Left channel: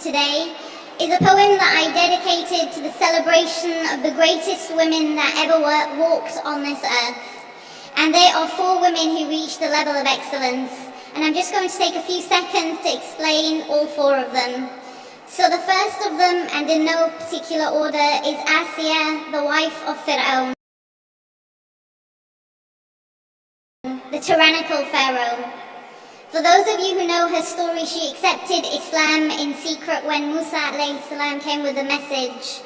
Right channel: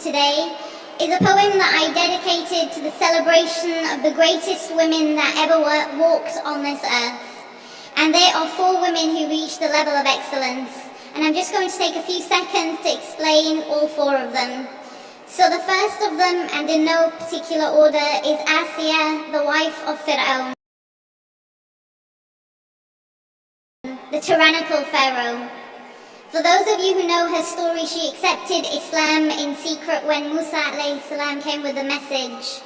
Today is a poem that I dedicated to the celebration of the greatest women that ever walked on this earth. And they are 4 women who reached the level of excellence. And I'm just going to take a few seconds to explain all 4 of them. So the first of them, and in no particular order, is Asiya, the wife of Fir'aun, the tyrannical pharaoh. For those of you who know her story, she accepted Islam in secret when Musa ﷺ came with the message.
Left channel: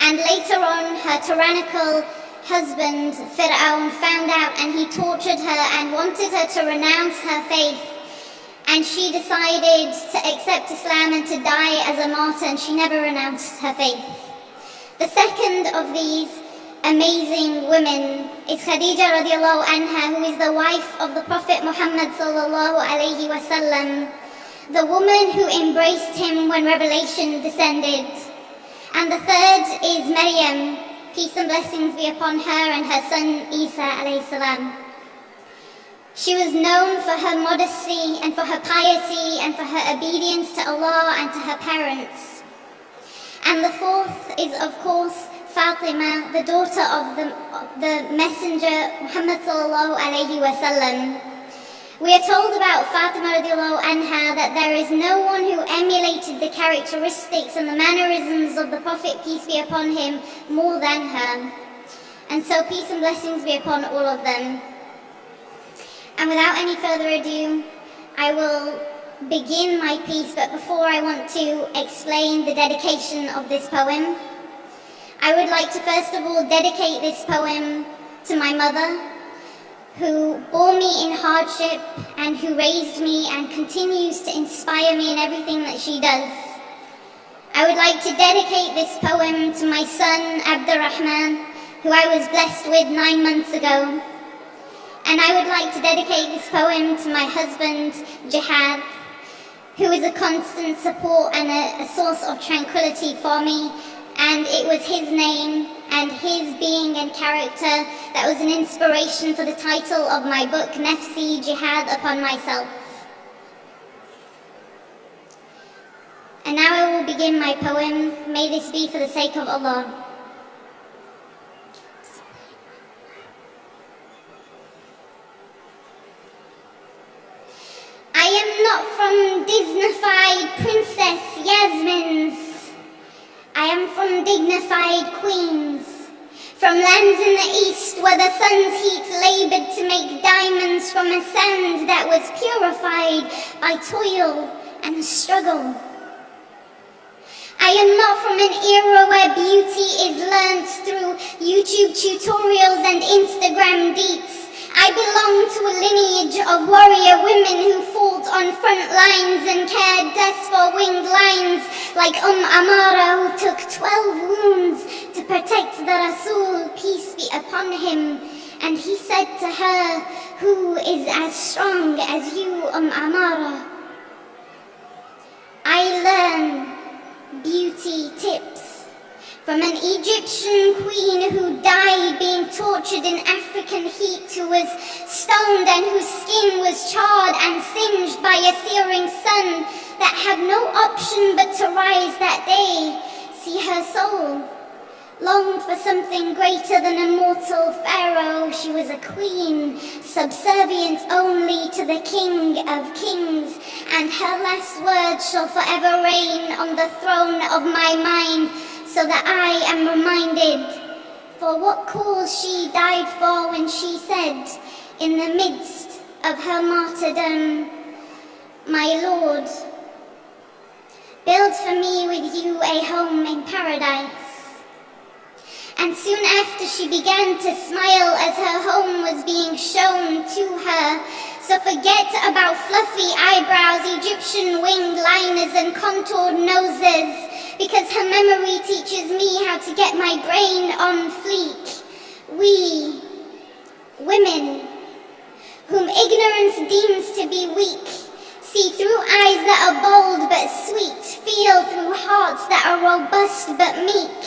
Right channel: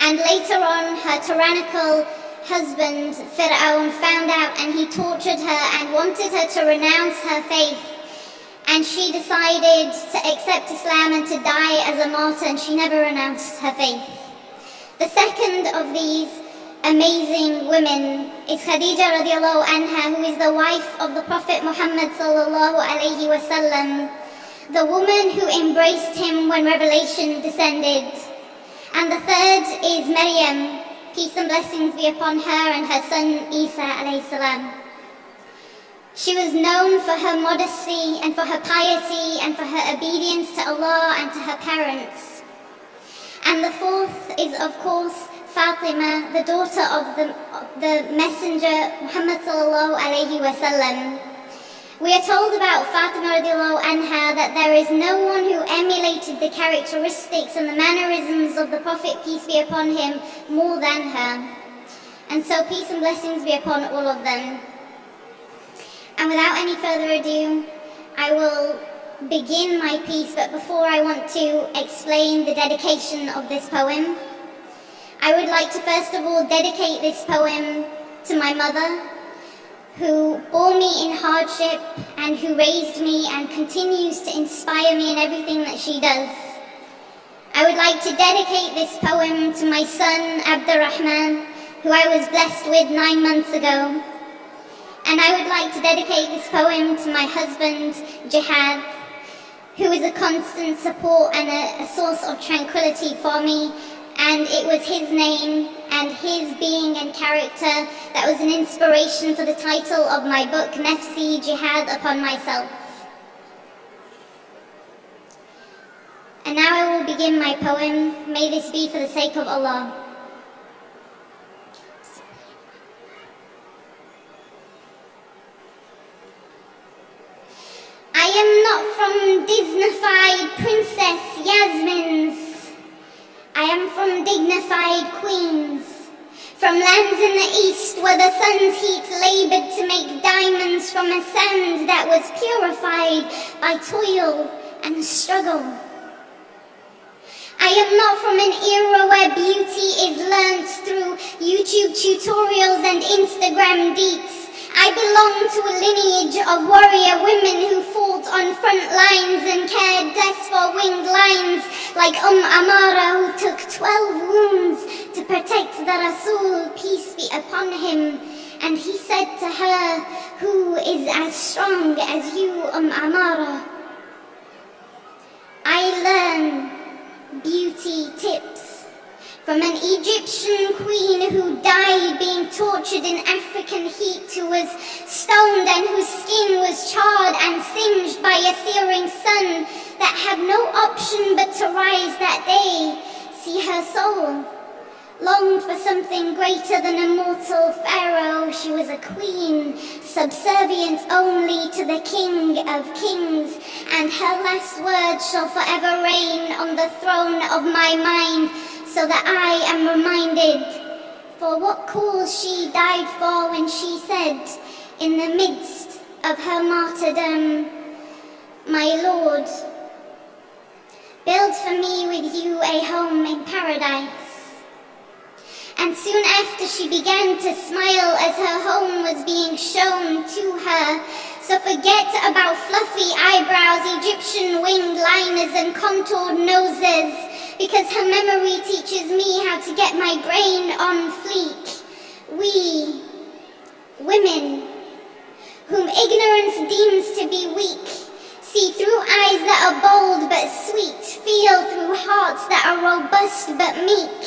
And later on, her tyrannical husband, Fir'aun, found out and he tortured her and wanted her to renounce her faith. And she decided to accept Islam and to die as a martyr, and she never renounced her faith. The second of these amazing women is Khadija radiallahu anha, who is the wife of the Prophet Muhammad sallallahu alayhi wasallam, the woman who embraced him when revelation descended. And the third is Maryam, peace and blessings be upon her and her son Isa alayhi salam. She was known for her modesty and for her piety and for her obedience to Allah and to her parents. And the fourth is, of course, Fatima, the daughter of the messenger Muhammad sallallahu alayhi wasallam. We are told about Fatima radiallahu anha that there is no one who emulated the characteristics and the mannerisms of the Prophet, peace be upon him, more than her. And so peace and blessings be upon all of them. And without any further ado, I will begin my piece, but before I want to explain the dedication of this poem, I would like to first of all dedicate this poem to my mother, who bore me in hardship and who raised me and continues to inspire me in everything that she does. I would like to dedicate this poem to my son Abdurrahman, who I was blessed with 9 months ago. And I would like to dedicate this poem to my husband Jihad, who is a constant support and a source of tranquility for me. And it was his name and his being and character that was an inspiration for the title of my book, Nafsi, Jihad Upon Myself. And now I will begin my poem. May this be for the sake of Allah. I am not from Disneyfied Princess Yasmin's. I am from dignified queens, from lands in the east where the sun's heat labored to make diamonds from a sand that was purified by toil and struggle. I am not from an era where beauty is learnt through YouTube tutorials and Instagram deets. I belong to a lineage of warrior women who fought on front lines and cared less for winged lines, like Amara, who took 12 wounds to protect the Rasul, peace be upon him. And he said to her, "Who is as strong as you, Amara?" I learn beauty tips from an Egyptian queen who died being tortured in African heat, who was stoned and whose skin was charred and singed by a searing sun that had no option but to rise that day. See, her soul longed for something greater than a mortal pharaoh. She was a queen, subservient only to the King of Kings, and her last words shall forever reign on the throne of my mind, so that I am reminded for what cause she died for when she said, in the midst of her martyrdom, "My Lord, build for me with you a home in paradise." And soon after she began to smile as her home was being shown to her. So forget about fluffy eyebrows, Egyptian winged liners and contoured noses, because her memory teaches me how to get my brain on fleek. We, women, whom ignorance deems to be weak, see through eyes that are bold but sweet, feel through hearts that are robust but meek.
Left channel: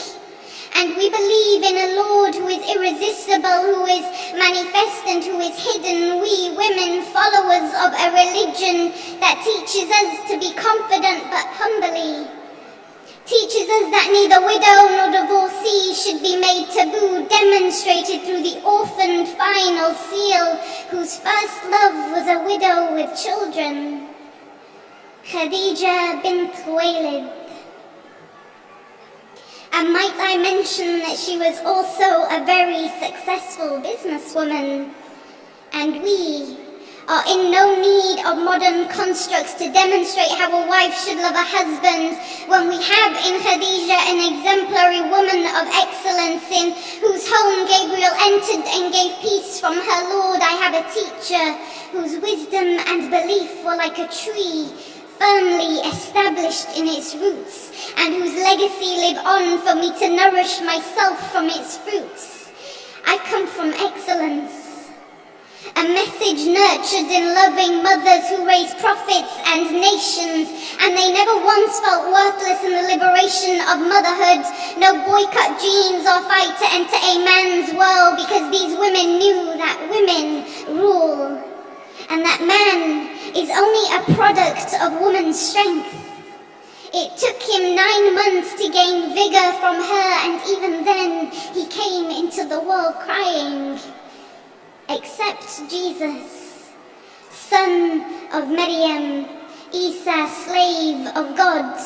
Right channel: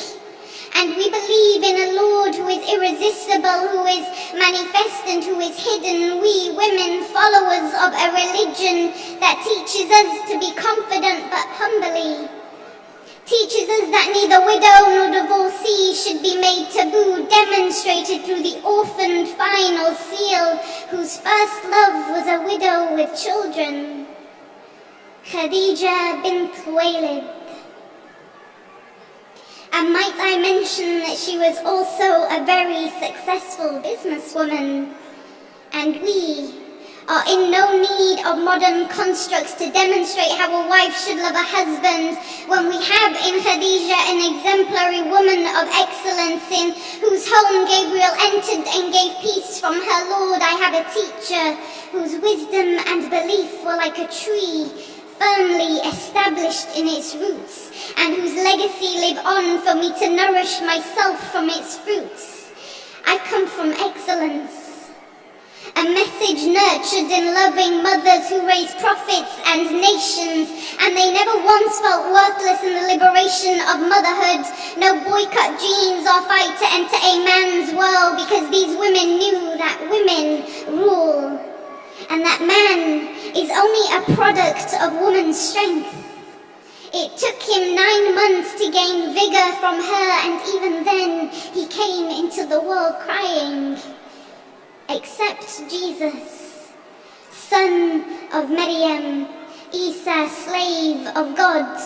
And we believe in a Lord who is irresistible, who is manifest and who is hidden. We women, followers of a religion that teaches us to be confident but humbly, teaches us that neither widow nor divorcee should be made taboo, demonstrated through the orphaned final seal, whose first love was a widow with children, Khadija bint Khuwaylid. And might I mention that she was also a very successful businesswoman, and we are in no need of modern constructs to demonstrate how a wife should love a husband, when we have in Khadija an exemplary woman of excellence, in whose home Gabriel entered and gave peace from her Lord. I have a teacher whose wisdom and belief were like a tree, firmly established in its roots, and whose legacy live on for me to nourish myself from its fruits. I come from excellence, a message nurtured in loving mothers who raise prophets and nations, and they never once felt worthless in the liberation of motherhood. No boycott genes or fight to enter a man's world, because these women knew that women rule, and that man is only a product of woman's strength. It took him 9 months to gain vigor from her, and even then he came into the world crying, "Accept Jesus, son of Maryam, Isa, slave of God."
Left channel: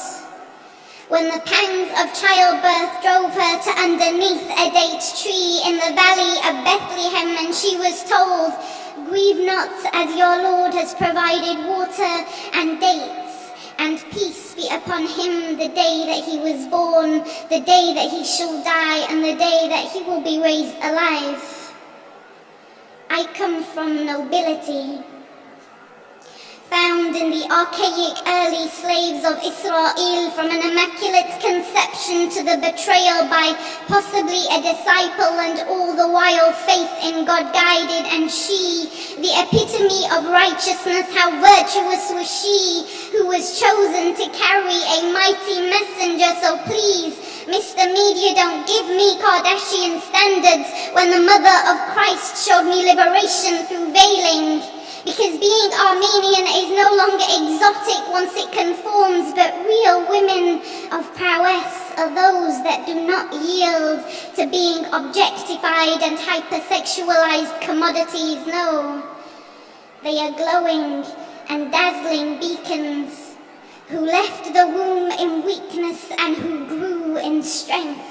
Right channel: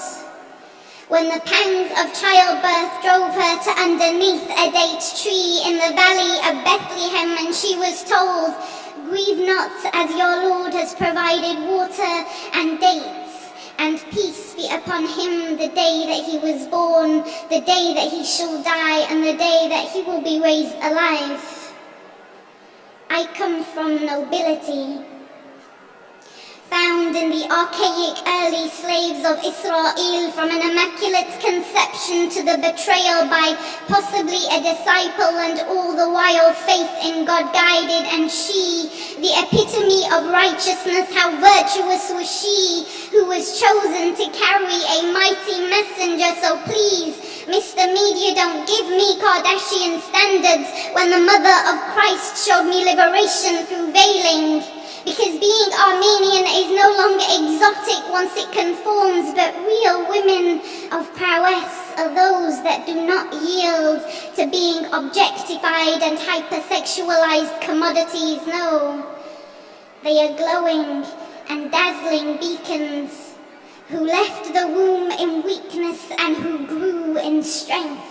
When the pangs of childbirth drove her to underneath a date tree in the valley of Bethlehem, and she was told, "Grieve not, as your Lord has provided water and dates, and peace be upon him the day that he was born, the day that he shall die, and the day that he will be raised alive." I come from nobility, found in the archaic early slaves of Israel, from an immaculate conception to the betrayal by possibly a disciple, and all the while faith in God guided, and she, the epitome of righteousness. How virtuous was she who was chosen to carry a mighty messenger. So please, Mr. Media, don't give me Kardashian standards when the mother of Christ showed me liberation through veiling. Because being Armenian is no longer exotic once it conforms, but real women of prowess are those that do not yield to being objectified and hypersexualized commodities. No, they are glowing and dazzling beacons who left the womb in weakness and who grew in strength,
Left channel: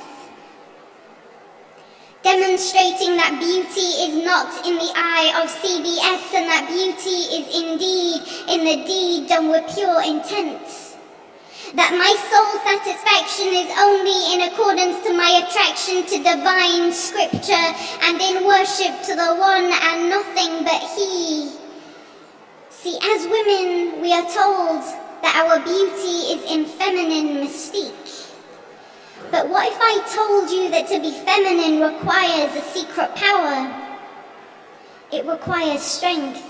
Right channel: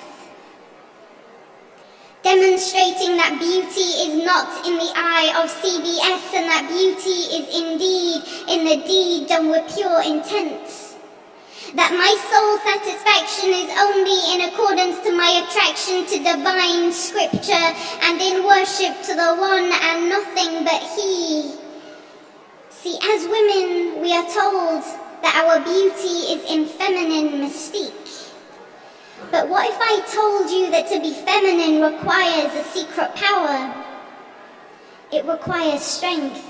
demonstrating that beauty is not in the eye of CBS, and that beauty is indeed in the deed done with pure intent. That my soul satisfaction is only in accordance to my attraction to divine scripture, and in worship to the one and nothing but he. See, as women, we are told that our beauty is in feminine mystique. But what if I told you that to be feminine requires a secret power? It requires strength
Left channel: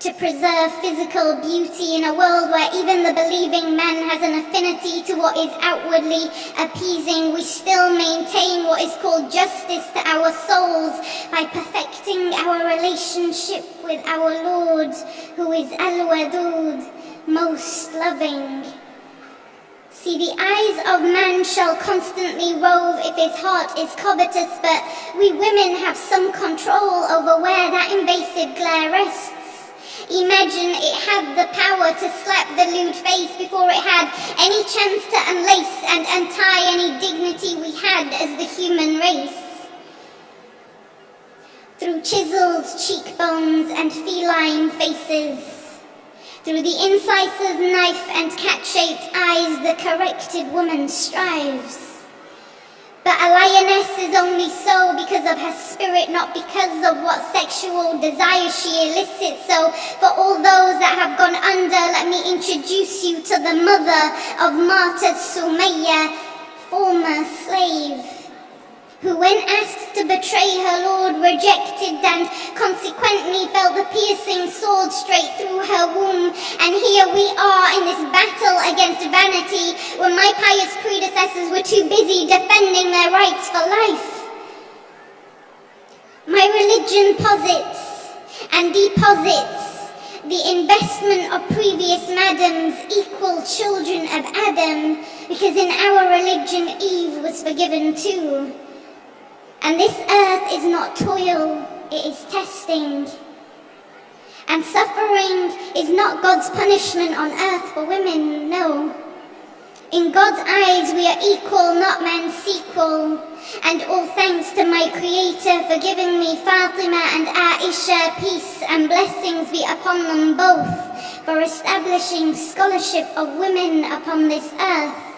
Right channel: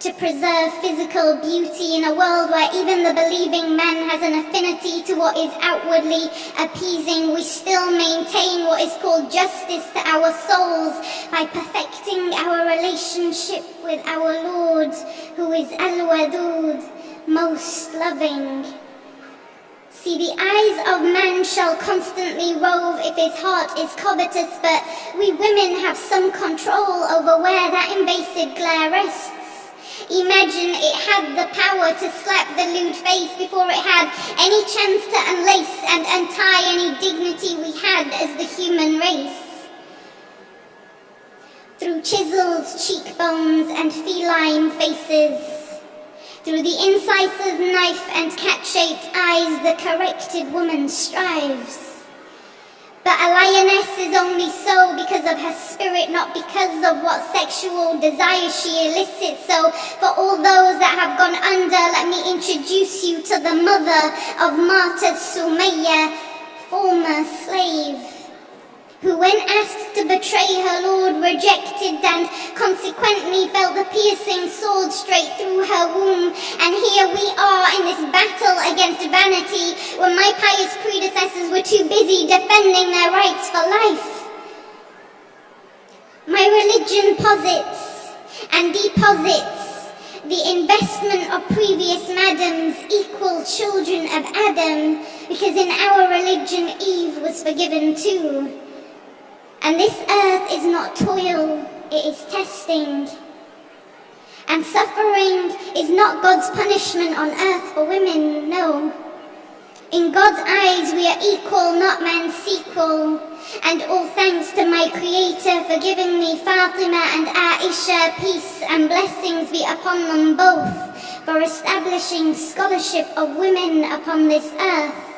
to preserve physical beauty in a world where even the believing man has an affinity to what is outwardly appeasing. We still maintain what is called justice to our souls by perfecting our relationship with our Lord, who is Al-Wadud, most loving. See, the eyes of man shall constantly rove if his heart is covetous, but we women have some control over where that invasive glare rests. Imagine it had the power to slap the lewd face before it had any chance to unlace and untie any dignity we had as the human race. Through chiseled cheekbones and feline faces, through the inciser's knife and cat-shaped eyes, the corrected woman strives. But a lioness is only so because of her spirit, not because of what sexual desire she elicits. So for all those that have gone under, let me introduce you to the mother of martyrs, Sumayya, former slave, who when asked to betray her Lord rejected and consequently felt the piercing sword straight through her womb. And here we are in this battle against vanity when my pious predecessors were too busy defending their rights for life. My religion posits and deposits the investment of previous madams equal children of Adam, because in our religion Eve was forgiven too. And this earth is not toil, it is testing. And suffering is not God's punishment on earth for women, no. In God's eyes we are equal, not man's sequel. And all thanks to my Creator for giving me Fatima and Aisha, peace and blessings be upon them both, for establishing scholarship of women upon this earth.